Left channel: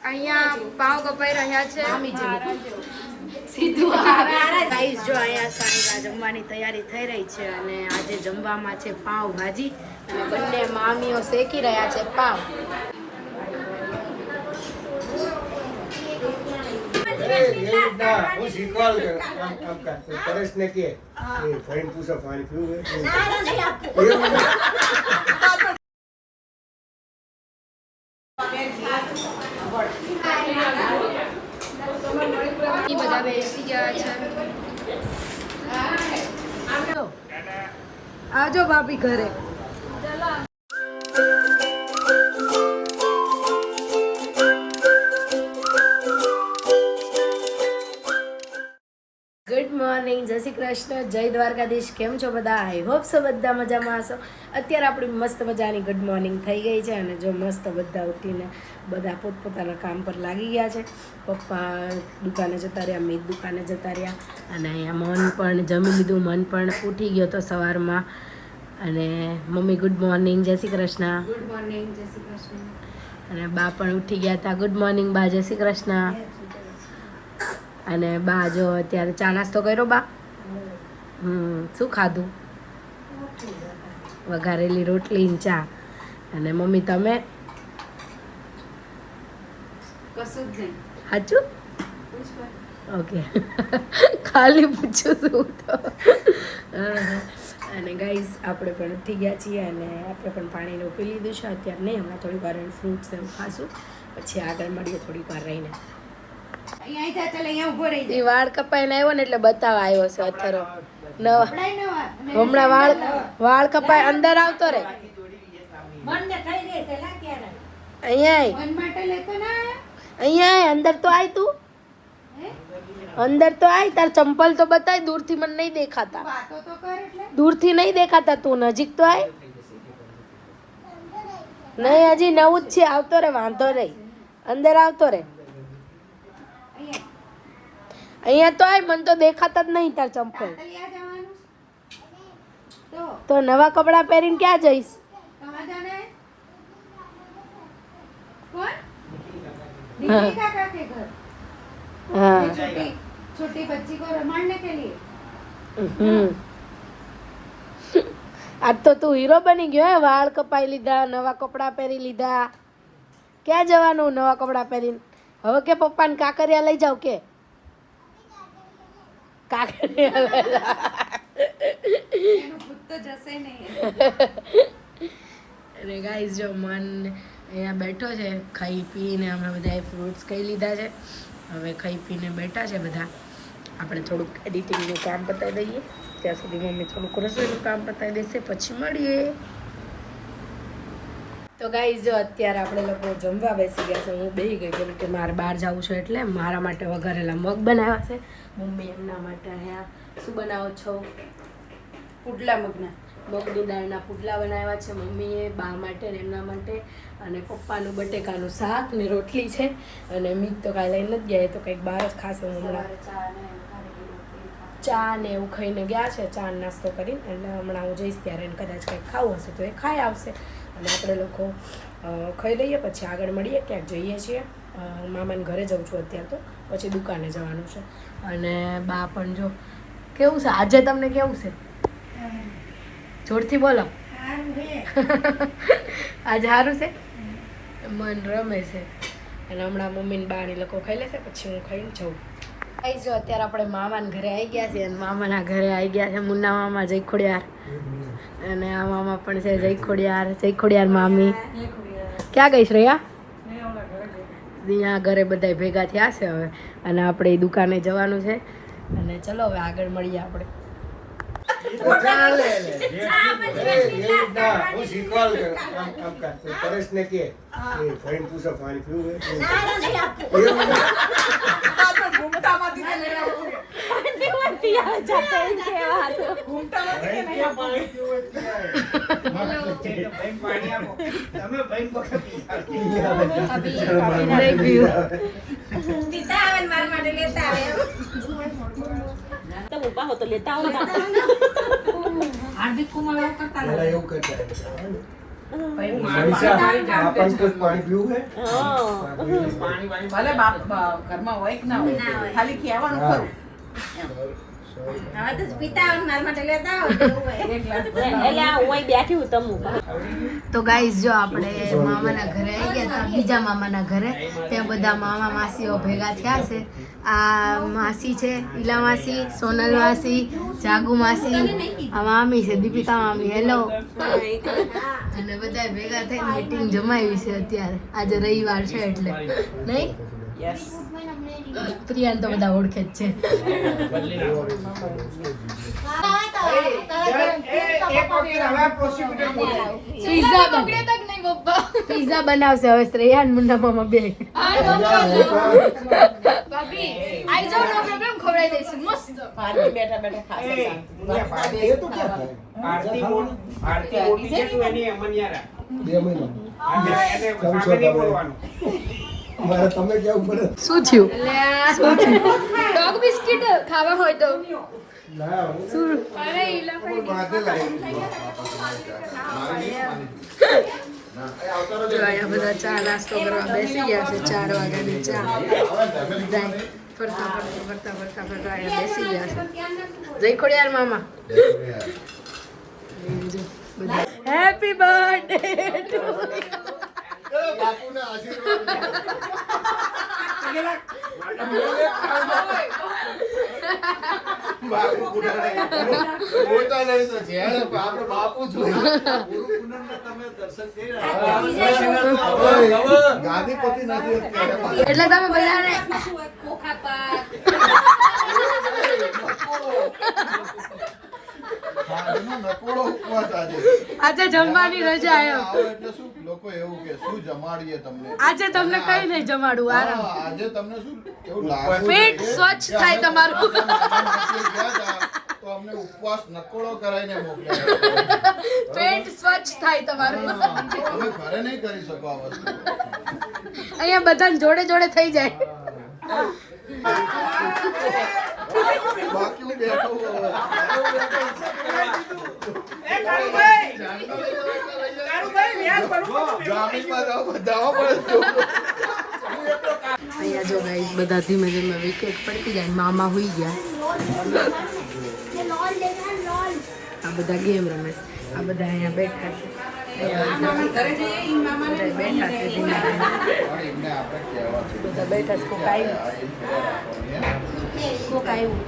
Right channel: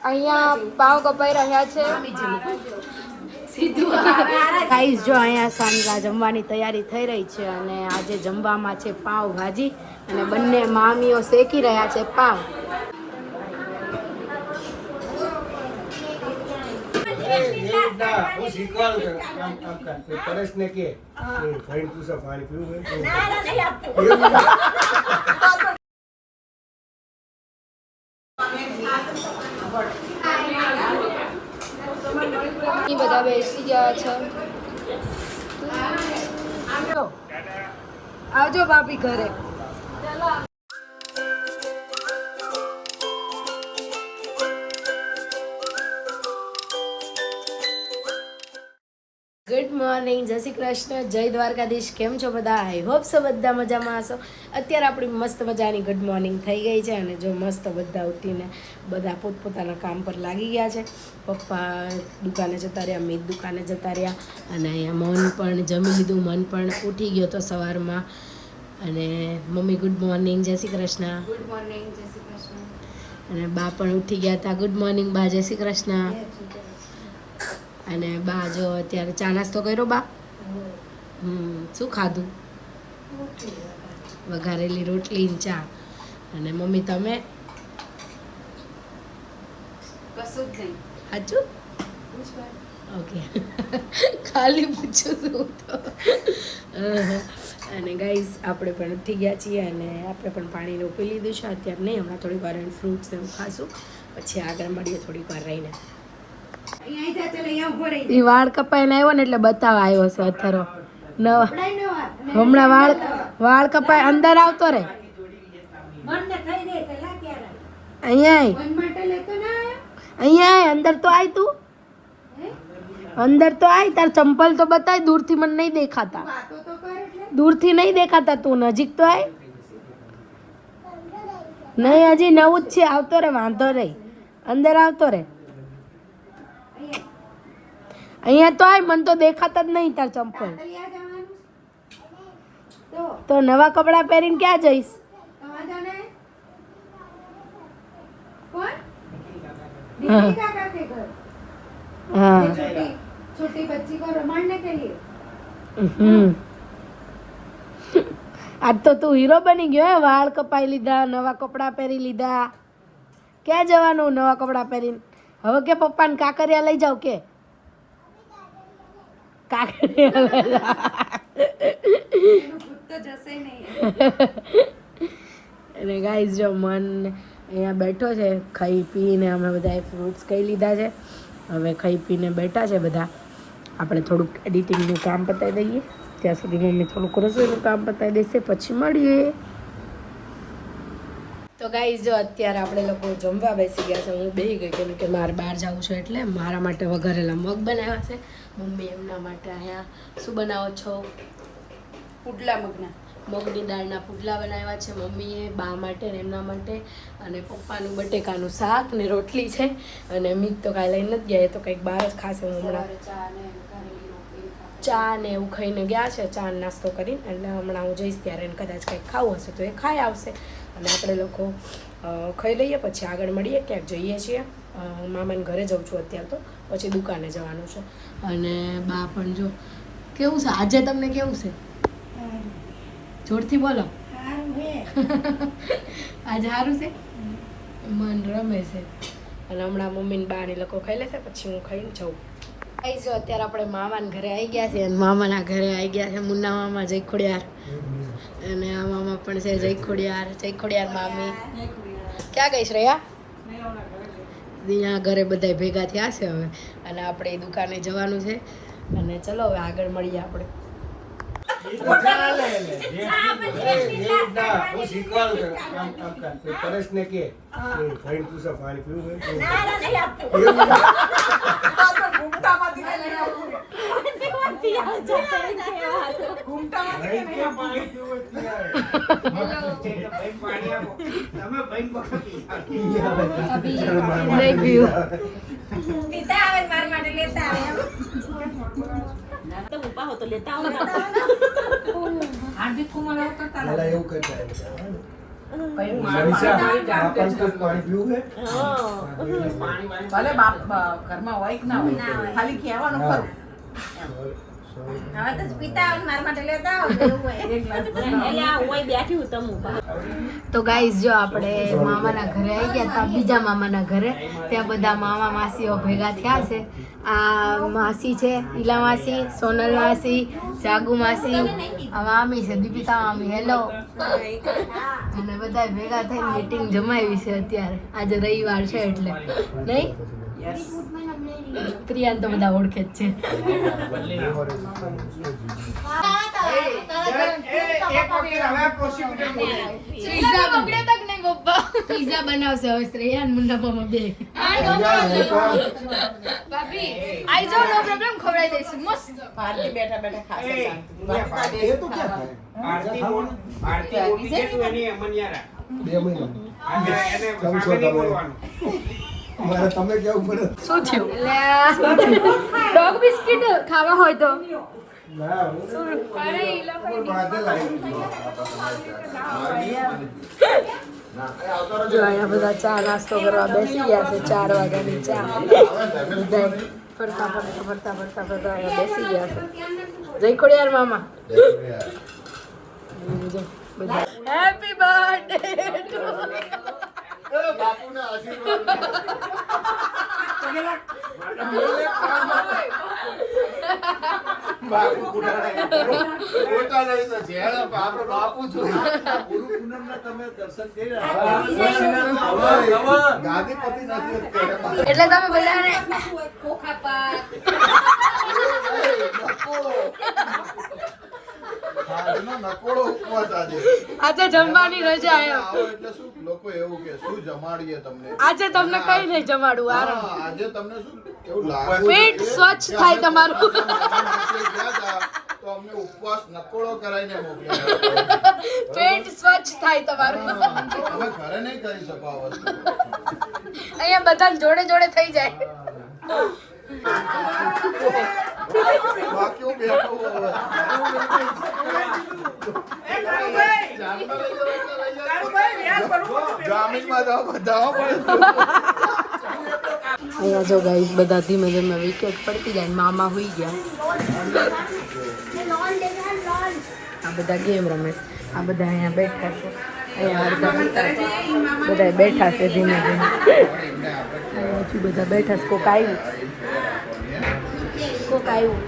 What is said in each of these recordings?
અહીંયા પાવ કપાઈ રહ્યા છે ગાઈસ જો અહીંયા સાંજના જમવાની તૈયારી થઈ રહી છે અને આજે જમવામાં છે પાવ ભાજી અને બંને મામીઓ શેકી રહ્યા છે પાવ પરેશ પરેશને કે પૂછો પાણી પીવું એ બધા બેસી ગયા છે. આવજો ભાભી ઘરે. મોર્નિંગ. જય શ્રી કૃષ્ણ. જય દ્વારકાધીશ. કેમ છો બધા? આઈ હોપ સો બધા મજામાં હશો. અત્યારે આપણી મસ્ત મજાની ગુડ મોર્નિંગ થઈ ગઈ છે અને જો મસ્ત બધા ઉઠીને બધા પોતપોતાના કામ પર લાગી ગયા છે. પપ્પા દુકાને જતા રહ્યા મીત દુકાને જતા રહ્યા અને અહીંયા મન પણ જમી લીધું. મન પણ ઉઠી ગયો હતો સવારમાં. અને મમ્મી ગુડ મોર્નિંગ જય શ્રી કૃષ્ણ. ગુડ મોર્નિંગ જય શ્રી કૃષ્ણ. અને બા પણ ઉઠી ગયા હતા. ગુડ મોર્નિંગ બા. જય શ્રી કૃષ્ણ. અને બા જો અત્યારે ચા નાસ્તો કર્યો બા? હમ શું ખાધું? વઘારેલી રોટલી ને ચા. અને મમ્મી તમે? સાચું? ઓકે. ખાલી પૂછું છું તો. અને ગાઈઝ આપણે પણ ઉઠી ગયા છીએ અને આપણે પણ પાણીને ઉપી લીધું છે. અત્યારે નહીં હમણાં થોડીક વાર ફ્રૂટ્સ એમ ખાશું. પછી આગળ મળીએ થોડીક વાર રહીને. ઈ વાળ કપાઈને આવ્યો ને એટલે બતાવવા આવ્યો છે અત્યારે હમણાં વાળ વાળ કપાય અંદર આવતો રે. અહીંયા. અહીંયા આય, અંદર તો આય તું. અંદર તો આય તાર ચંપલ તો બતાય દૂરથી મને નહીં દેખાતા. દૂરથી નહીં દેખાતા તું નજીક તો આય. નહીં હજી નવું જ છે આવતો રે વાંધો રે અંદર આવતો રે. અહીંયા તો આય મને તો દેખાતા જ નહીં તાર ચંપલ તો નવા કપડાં પહેરીને ક્યાં જઈશ दीदी का क्या के घर હા ये छोटी छोटी बच्ची को रमाड़ने के लिए હમ. આજ તો તું હીરો બની ગયો હે વાળ કપાઈ લીધા નવા કપડાં પહેરી લીધા ક્યાં જવાનું નવા કપડાં પહેરીને હવે કે પપ્પાને કાકરિયા લઈ જાવ કે? અને ગાઈઝ જો મન અહીંયા બેઠો છે ખાઈ પીને અમે બધાએ ફ્રૂટ્સ ખાઈ લીધા છે. હવે ખાઈ પીને બેઠા છે બધા. આપણે થોડુંક એડિટિંગનું કામ પતાવી દઈએ. ત્યાં સુધી મમ્મી થોડુંક રસોઈનું કામ પતાવી દેશે પછી મળીએ. તો ગાઈઝ જો અત્યારે આપણે લોકો જમવા બેસી ગયા છે હું બેસી ગઈ કેમ કે મારે બહાર જવું છે એટલે મારા માટે વઘારેલા મગ બનાવ્યા છે. મમ્મી એમના માટે અહીંયા શું બનાવો છો? પુડલા મગના. મગની દાળના પુડલા બનાવ્યા છે. મમ્મીએ બા માટે ને એમના માટે અને પપ્પાનું બટેકાનું શાક ને રોટલી છે. અને મીત તો કાંઈ લઈને નથી ગયા એ તો કંઈક બહાર જ ખાશે હું હમણાં ચા ને એવું ખાઈને ગયા છે, ચા નાસ્તો કરીને. એટલે હમણાં હું જઈશ ત્યારે એને કદાચ કંઈક ખાવું હશે તો એ ખાઈ આવશે. અને આપણે લોકો ખાઈ લઈએ, પછી આગળ મળીએ, ક્યાંક જઈએ છીએ. મામાને ઘરે જઉં છું અત્યારે તો. પછી દુકાને જવાનું છે. અને બા પણ જો, કેવું છે? આજે તમને કેવું છે? જોરથી બોલો. આજે સારું છે? મન રમે છે. અને હમણાં મમ્મીને ને લોકો ખાઈ લેશે, પછી હું ખાઈને જઉં. આઈ જો, અત્યારે આપણે મામાના ઘરે આવી ગયા છે અને મામાના ઘરે આવી ગયા છે મુન્ના મામા જય ખોડિયાર અને આ મામા પણ છે જય ખોડિયાર જય મામી. ક્યાં ગઈ શ્રેયા ત્યાં ઘરે બધા ભેગા થયા છે હવે. અને આપણે દુકાને જવાનું છે. અને ચલો હવે આગળ મળીએ આપણે. હું શીખવાડ આમ આમ કર પરેશને કે એ ફરીને હાર્દિક કુમાર એવું કરતા પેલા એવું કરતા ભલે બાપ ઘરમાં હોય કે ના હોય. ખાલી કહેવાનું ખરું હવે તો પીતા મારા માટે લેતા આવો તો હોય. બેઠી હું તમું. ગાઈઝ જો આપણે મામાના ઘરે આવી ગયા હતા બીજા મામાના ઘરે ત્યાં બધા મામા માસીઓ ભેગા થયા છે. આ માસી છે ઈલા માસી સોનલ માસી જાગુ માસી આ મામી છે દીપિકા મામી હેલો. અને બધા ભેગા થઈને મીટિંગ જમાવી છે અત્યારે. આજે રવિવાર છે એટલે. નહીં? પ્રિયાને તો બધા ઓળખે જ છે. પિઝા બનાવશે હવે શ્રેયાન મુન્ના મામા બે પાર્ટી બેઠા બેઠા ખાશે શાંતિ. તો ક્યાં થાય? આરતી મોટી છે એની અમનિયારા. બે મહિના એને? બોલવાનું. મારે તમે કેવું પડે? શું થયું? ડોગ બિસ્કિટ ખાવા હોય તો. જો અહીંયા બધા ચા નાસ્તો કરવા બેસી ગયા છે ચાર વાગ્યાની ચા. ફરતા ફરતા ફરતા ફરતા ફરતા અહીંયા બેસી ગયા છે. જય ખોડિયાર મામા. હેપી જો બધા હેપી બર્થડે ગાદીપતિ નથી એટલે તમે બધાને ઉપવાસ આજે. આજે જમવાની રજા એમ. એટલે શું લોકો એવું કે શું જમાડીએ તમને? આજે તમને કઈ નહીં જમાડું આરામ. આજે તમને શું એવું લાગે પેટ સ્વચ્છ થાય તમારું. બધા મામા માસી ગયા હતા, તો અમને ઉપવાસ નકોડો કરાઈને મોકલ્યા પેટ સ્વચ્છ થાય તમારું. અમે ઘરે નહીં કરી શકો આ વસ્તુ. અહીંયા બધાને જોડે જોડે થઈ જાય. અહીંયા જો ગાઈ બધા ધીમે ધીમે વિકેટ પડતી જાય મામા હોઈ ગયા. આ બધા ગેમ રમે. આ બધા અહીંયા બેઠા છે. બધા બેઠા છે ધીમે ધીમે. બધા બેઠા છે કોક આવ્યું. કોક આવ્યું.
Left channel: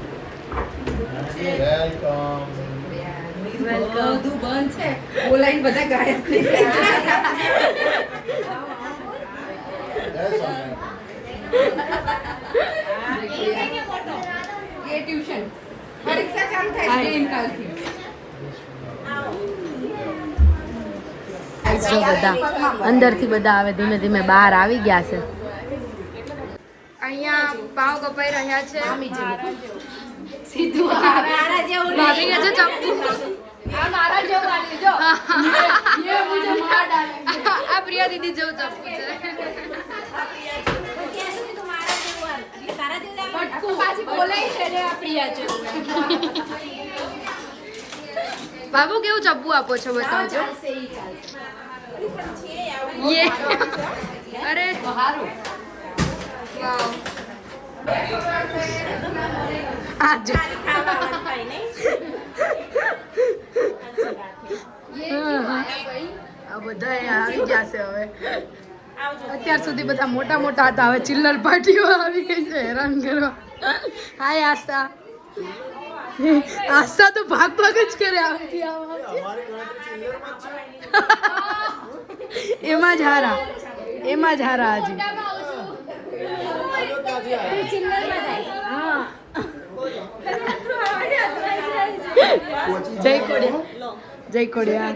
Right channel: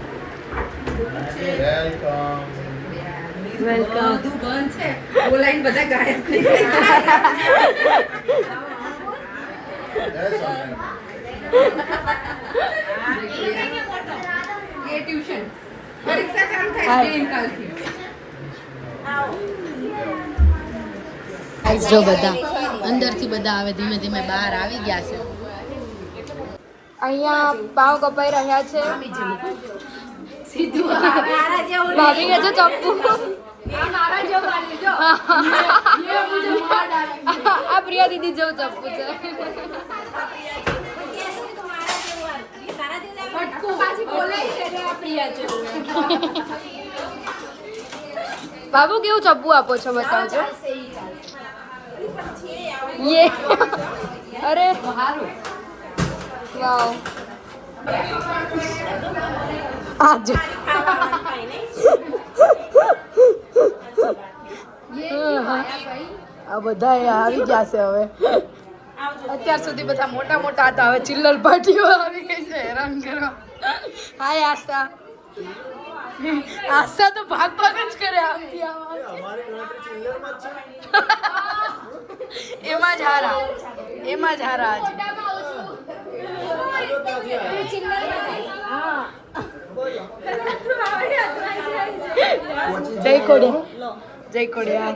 Welcome. વેલકમ બધું બંધ છે. બોલાઈને બધા ગાયબ થઈ ગયા. Yes, Amen. એ ટ્યુશન. પરીક્ષા ચાલુ થાય છે કાલથી. ગાઈસ જો બધા અંદરથી બધા હવે ધીમે ધીમે બહાર આવી ગયા છે. અહીંયા પાવ કપાઈ રહ્યા છે. મારા જેવું ભાભી કે જો ચપ્પુ? આ પ્રિયા દીદી જેવું ચપ્પુ છે. કહેશું તો મારા જેવું હાલ. તારા જેવું આમ બાબુ કેવું ચપ્પુ આપો છો બતાવજો. યે અરે વાવ આજે ખાવાનું થાય નહીં આ બધા અહીંયા આવી ગયા છે હવે અત્યાર સુધી બધા મોટા મોટા હતા હવે ચિલ્લર પાર્ટીઓ આવી ગઈ છે હેરાન કરવા. હાય આશા. આશા તો ભાગ ભાગ જ કરે આમથી આમાં એમાં જ હારા. એમાં જ હારા આજે. જય કોડિયા. જય કોડિયા.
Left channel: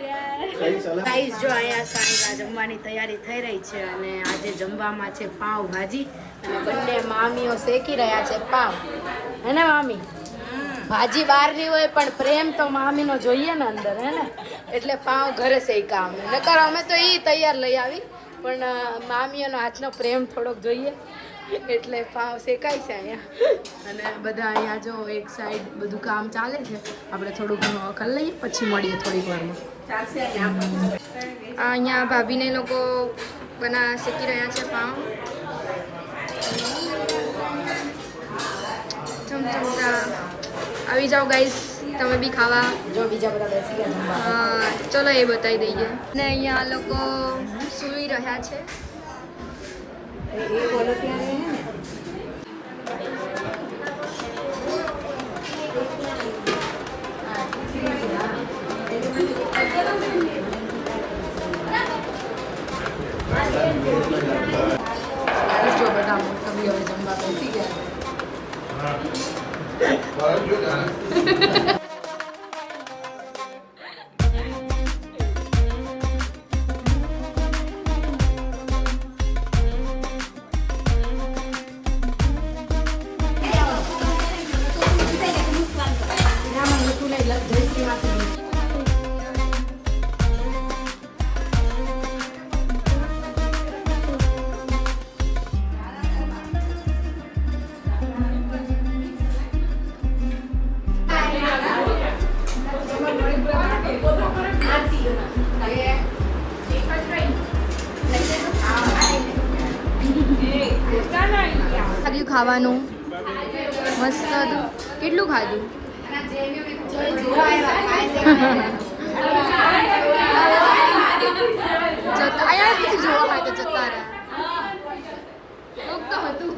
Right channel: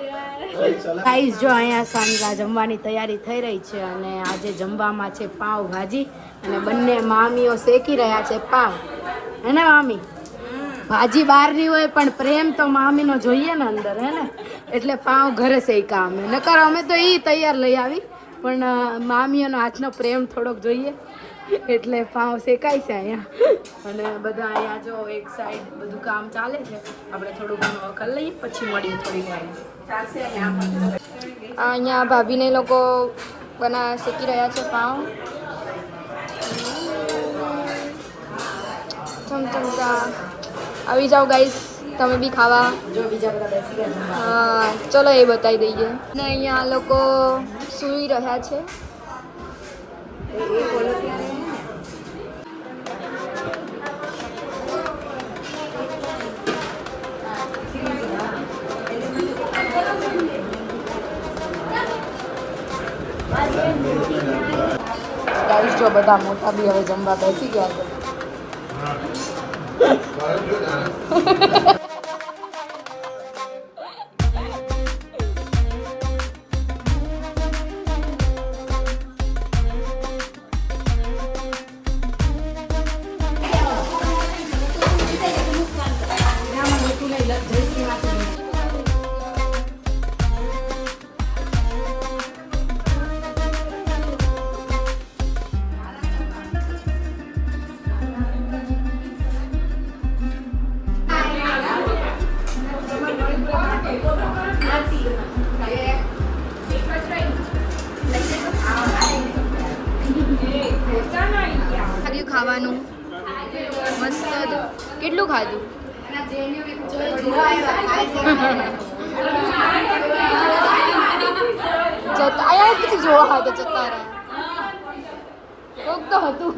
જો અહીંયા સાંજના જમવાની તૈયારી થઈ રહી છે અને આજે જમવામાં છે પાવ ભાજી અને બંને મામીઓ શેકી રહ્યા છે. પાવ હે ને મામી. ભાજી બહારની હોય પણ પ્રેમ તો મામીનો જોઈએ ને અંદર હે ને? એટલે પાવ ઘરે શેકા અમે નકર અમે તો એ તૈયાર લઈ આવી પણ મામીઓનો હાથનો પ્રેમ થોડોક જોઈએ. એટલે પાવ શેકાય છે અહીંયા. અને બધા અહીંયા જો એક સાઈડ બધું કામ ચાલે છે. આપણે થોડું ઘણું કરી લઈએ પછી મળીએ થોડીક વારમાં ને અહીંયા ભાભીને લોકો બના શેકી રહ્યા છે પાઉં ચમચમચા આવી જાઓ ગાઈસ તમે બી ખાવા. જો બીજા બધા બેસી ગયા. હા ચલો એ બતાવી દઈએ. ને અહીંયા લોકો સૂઈ રહ્યા છે. એ બોલો ત્યારે જો બધા મોટા બી હવે જમવા બેસી ગયા છે. Bana diyor şey yani. ખાધું ખાવાનું. મસ્ત હતું કેટલું ખાધું? જતા આયા પછી જોવા હાટે જતા રહ્યા. તો હતું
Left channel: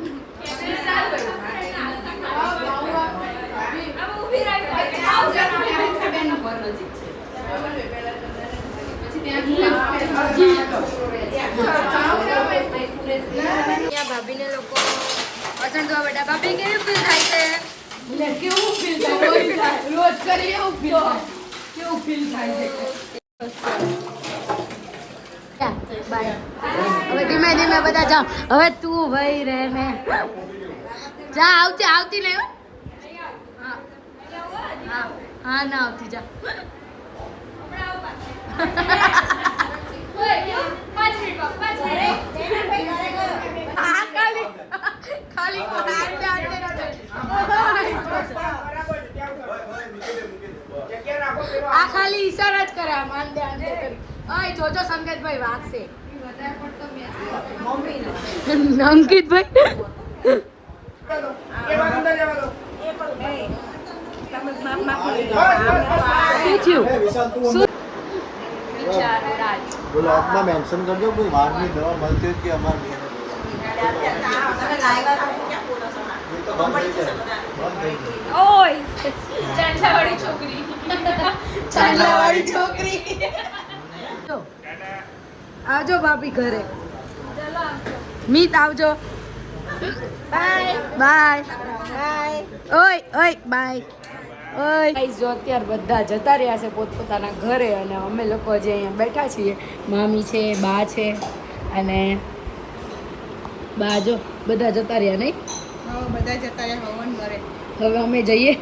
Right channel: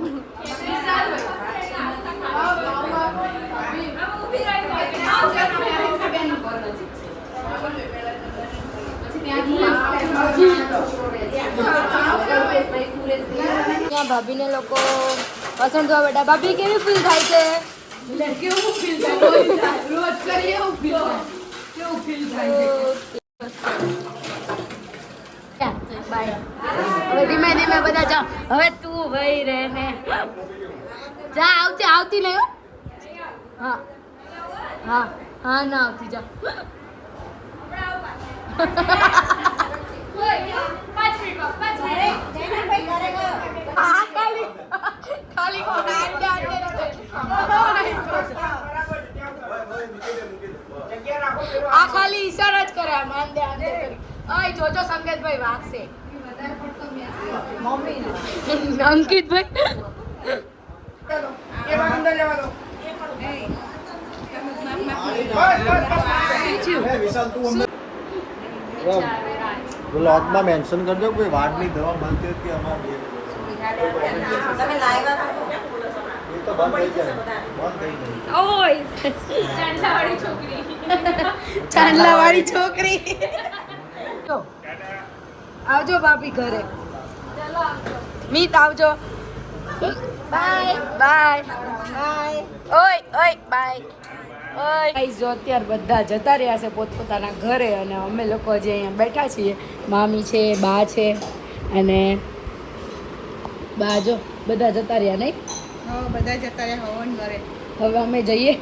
ત્યાં ભાભીને લોકો વાસણ ધોવા બેઠા ભાભી કેવી ફીલ થાય છે? કેવું ફીલ થાય? રોજ કરીએ એવું ફીલ થાય. કેવું ફીલ થાય છે? બાય હવે ધીમે ધીમે બધા જા. હવે તું ભાઈ રે ને. જા આવતી આવતી નહીં હો. હા. હા હા ના આવતી જા. આ ખાલી ખાલી આંડે આંડે આ ખાલી ઈશારા જ કરે માન આંડે કરી ઓય જોજો સંકેતભાઈ વાગશે અંકિતભાઈ બોલો આજમાં મેન્શન કરજો કોઈ વાળની દવા મળતી કે અમારે. આવજો ભાભી ઘરે. મીત આવજો. બાય બાય ઓય ઓય બાય ઓય ગાઈસ જો અત્યારે બધા જતા રહ્યા છે પોતપોતાના ઘરે અને અમે લોકો જે અહીંયા બેઠા છીએ મામી છે બા છે અને બા જો બધા જતા રહ્યા નહીં? હો, બધા જતા રહ્યા હવન ઘરે. હવે અમે જઈએ.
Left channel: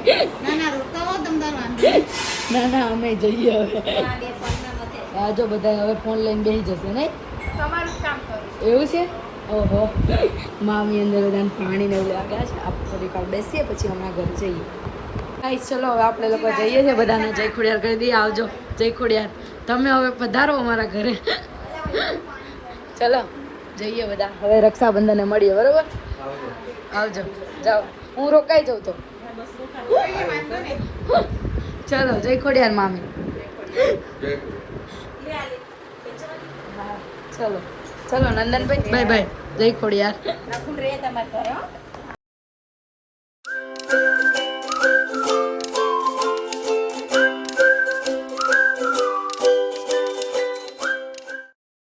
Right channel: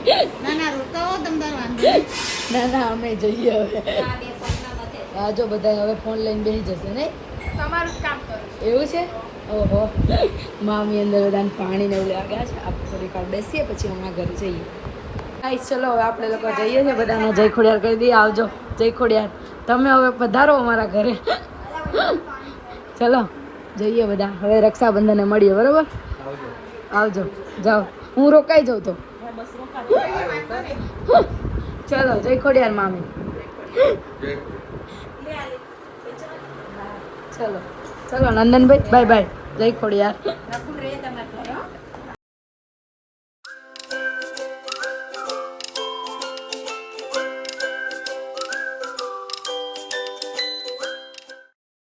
ના ના રોકાવો વાંધો નહીં. ના ના અમે જઈએ હવે. હા જો બધા હવે ફોન લઈને બેસી જશે નહીં? તમારું કામ કરો. એવું છે? ઓહો. મામી અંદર બધાને પાણી ને એવું લાગ્યા છે. આપણે થોડીક વાર બેસીએ પછી હમણાં ઘરે જઈએ. ગાઈસ, ચલો હવે આપણે લોકો જઈએ છીએ બધાને જય ખોડિયાર કરી દઈએ. આવજો, જય ખોડિયાર. તમે હવે પધારો અમારા ઘરે. ચલો, જઈએ બધા. હવે રક્ષાબંધને મળીએ, બરાબર? આવજો, જાઓ. હું રોકાઈ જાઉં તો. ચલો, જય ખોડિયાર મામી. ચલો ચલો નંદનભાઈ, બાય બાય. જય ખોડિયાર.